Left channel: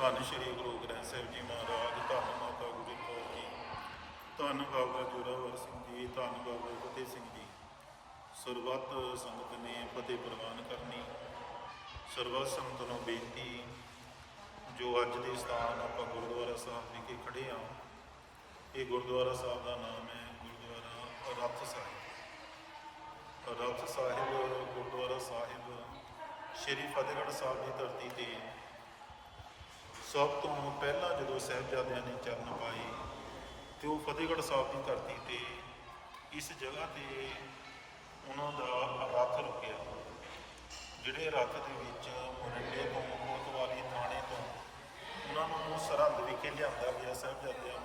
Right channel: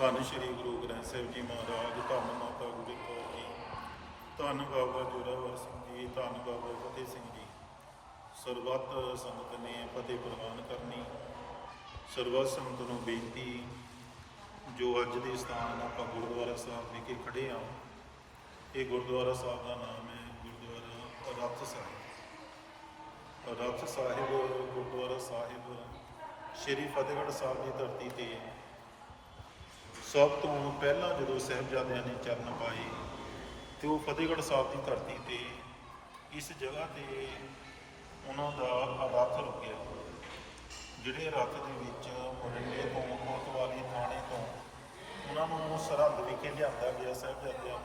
ਧੰਨ ਸ਼੍ਰੀ ਗੁਰੂ ਗ੍ਰੰਥ ਸਾਹਿਬ ਜੀ ਮਹਾਰਾਜ, ਧੰਨ ਮਾਤਾ ਗੁਜਰ ਜੀ, ਧੰਨ ਬਾਬਾ ਜੋਰਾਵਰ ਸਿੰਘ ਜੀ, ਧੰਨ ਬਾਬਾ ਫਤਿਹ ਸਿੰਘ ਜੀ। ਸਰਬੱਤ ਸੰਗਤ ਨੇ ਫਤਿਹ ਪ੍ਰਵਾਨ ਕਰਨੀ, ਸਰਬੱਤ ਸੰਗਤ ਨੂੰ ਬੇਨਤੀ, ਜੋ ਅੱਜ ਦੇ ਸਥਾਨ ਆਪਾਂ ਗੁਰਦੁਆਰਾ ਸਾਹਿਬ ਵਿਖੇ ਖੜੇ ਆ ਇਹ ਗੁਰਦੁਆਰਾ ਸਾਹਿਬ ਦਾ ਨਾਮ ਹੈ ਗੁਰਦੁਆਰਾ ਰੱਥ ਸਾਹਿਬ। ਰੱਥ ਸਾਹਿਬ, ਗੁਰਦੁਆਰਾ ਸਾਹਿਬ, ਸ਼੍ਰੀ ਫਤਿਹਗੜ੍ਹ ਸਾਹਿਬ ਦੀ ਧਰਤੀ ਤੇ ਸਭ ਤੋਂ ਪਹਿਲਾਂ ਜਦੋਂ ਸਾਹਿਬਜ਼ਾਦਿਆਂ ਨੇ ਚਰਨ ਪਾਏ ਤੇ ਉਹ ਫਤਿਹਗੜ੍ਹ ਸਾਹਿਬ ਦੀ ਧਰਤੀ ਤੇ ਇਸ ਜਗ੍ਹਾ ਤੇ ਉਹਨਾਂ ਦਾ ਰੱਥ ਰੁਕਿਆ ਜਿਹੜੇ ਰੱਥ ਦੇ ਵਿੱਚ ਮਰਿੰਡੇ ਤੋਂ, ਕੋਤਵਾਲੀ ਥਾਣੇ ਤੋਂ ਉਹਨਾਂ ਨੂੰ ਸਰਹੰਦ ਵਿਖੇ ਲਿਆਂਦਾ ਗਿਆ ਸਾਹਿਬਜ਼ਾਦਿਆਂ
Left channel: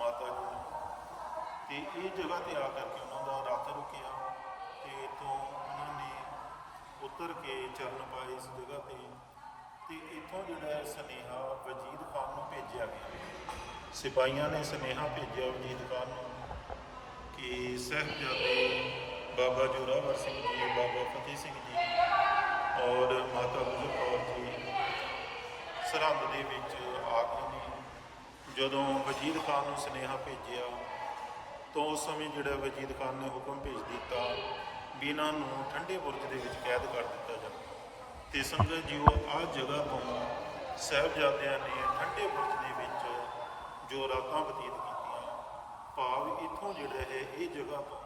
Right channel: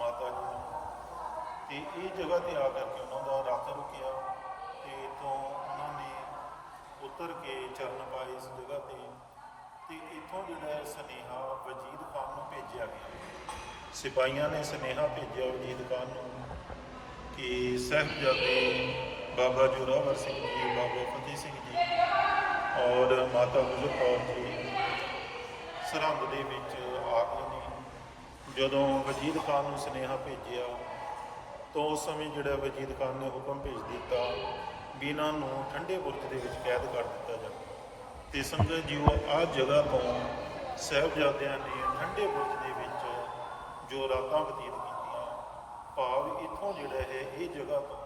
ਮਾਤਾ ਜੀ ਨੂੰ। ਤੇ ਇਹ ਜਗ੍ਹਾ ਤੇ ਆ ਕਰਕੇ ਉਹਨਾਂ ਦਾ ਰੱਥ ਰੁਕਿਆ ਤੇ ਤੋਂ ਉਹਨਾਂ ਨੇ ਉਤਰ ਕੇ ਚਰਨ ਪਾਏ ਇਸ ਜਗ੍ਹਾ ਤੇ। ਤੇ ਇੱਥੋਂ ਜਿਹੜਾ ਸੁਨੇਹਾ ਵਜੀਦ ਖਾਨ ਨੂੰ ਭੇਜਿਆ ਗਿਆ ਸਿਪਾਹੀਆਂ ਨੇ ਸੁਨੇਹਾ ਭੇਜਿਆ ਵਜੀਦ ਖਾਨ ਨੂੰ ਕਿ ਸਾਹਿਬਜ਼ਾਦੇ ਬਾਬਾ ਜੋਰਾਵਰ ਸਿੰਘ ਜੀ, ਬਾਬਾ ਫਤਿਹ ਸਿੰਘ ਜੀ ਔਰ ਮਾਤਾ ਗੁਜਰ ਕੌਰ ਜੀ ਸਰਹੰਦ ਦੇ ਵਿੱਚ ਆ ਗਏ ਨੇ। ਜਦੋਂ ਵਜੀਦ ਖਾਨ ਨੂੰ ਸੁਨੇਹਾ ਭੇਜਿਆ, ਤਾਂ ਉਸ ਸਮੇਂ ਜਿਹੜਾ ਵਜੀਦ ਖਾਨ ਨੇ ਹੁਕਮ ਭੇਜ ਦਿੱਤਾ ਵੀ ਇਹਨਾਂ ਨੂੰ ਠੰਡੇ ਬੁਰਜ ਦੇ ਵਿੱਚ ਕੈਦ ਕਰ ਦਿੱਤਾ ਜਾਵੇ। ਤੇ ਸੰਗਤ ਜੀਓ ਆਹ ਜਗ੍ਹਾ ਤੋਂ ਸਾਹਿਬਜ਼ਾਦਿਆਂ ਨੇ ਠੰਡੇ ਬੁਰਜ ਦੇ ਵਿੱਚ ਜੋ ਰਾਤਾਂ ਬਤੀਤ ਕੀਤੀਆਂ, ਭਾਵ ਇੱਥੋਂ ਜਿਹੜਾ ਹੈ, ਇਹ ਜਗ੍ਹਾ ਤੋਂ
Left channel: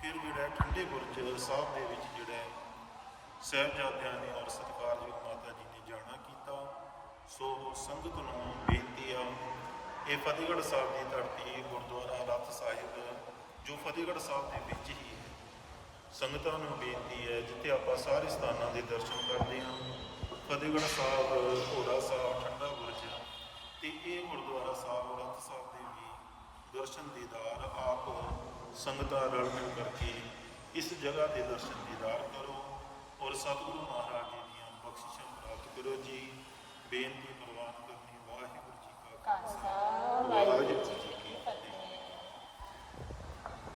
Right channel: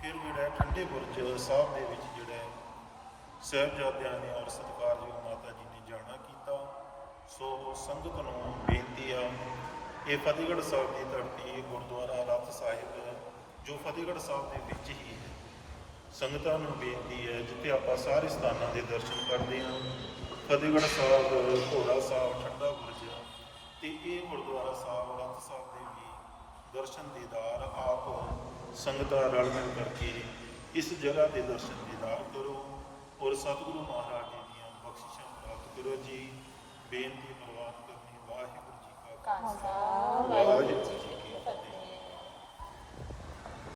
ਫਿਰ ਜਿਹੜਾ ਠੰਡੇ ਬੁਰਜ ਸਾਹਿਬ ਦੇ ਵਿੱਚ ਜਿਹੜਾ ਹੈ ਸਾਹਿਬਜ਼ਾਦਿਆਂ ਨੇ ਔਰ ਸਤਿਕਾਰਯੋਗ ਮਾਤਾ ਜੀ ਨੇ ਜਾਣਾ ਕੀਤਾ। ਸੋ ਸੰਗਤ ਨੂੰ ਬੇਨਤੀ ਆ, ਇਹ ਫਤਿਹਗੜ੍ਹ ਸਾਹਿਬ ਦੀ ਧਰਤੀ, ਗੁਰਦੁਆਰਾ ਰੱਥ ਸਾਹਿਬ, ਜੋ ਫਤਿਹਗੜ੍ਹ ਸਾਹਿਬ ਦੇ ਵਿੱਚ ਹੀ ਹੈ, ਸੰਗਤਾਂ ਨੂੰ ਬੇਨਤੀ ਹੈ ਜਿੱਥੇ ਆਪਾਂ ਸਾਰੇ ਸਥਾਨਾਂ ਦੇ ਦਰਸ਼ਨ ਕਰਦੇ ਹਾਂ। ਫਤਿਹਗੜ੍ਹ ਸਾਹਿਬ, ਘੋੜਾ ਸਾਹਿਬ, ਠੰਡਾ ਬੁਰਜ ਤੇ ਇਹ ਗੁਰਦੁਆਰਾ ਸਾਹਿਬ, ਰੱਥ ਸਾਹਿਬ ਦੇ ਵੀ ਦਰਸ਼ਨ ਦੀਦਾਰ ਆਪ ਸੰਗਤਾਂ ਰਲ ਮਿਲ ਕਰਕੇ ਇਸ ਜਗ੍ਹਾ ਦੇ ਦਰਸ਼ਨ ਦੀਦਾਰ ਕਰੋ ਔਰ ਸਤਿਗੁਰੂ ਮਹਾਰਾਜ ਜੀ ਦੀਆਂ ਬਖਸ਼ਿਸ਼ਾਂ ਪ੍ਰਾਪਤ ਕਰੋ ਜੀ। ਬੇਨਤੀ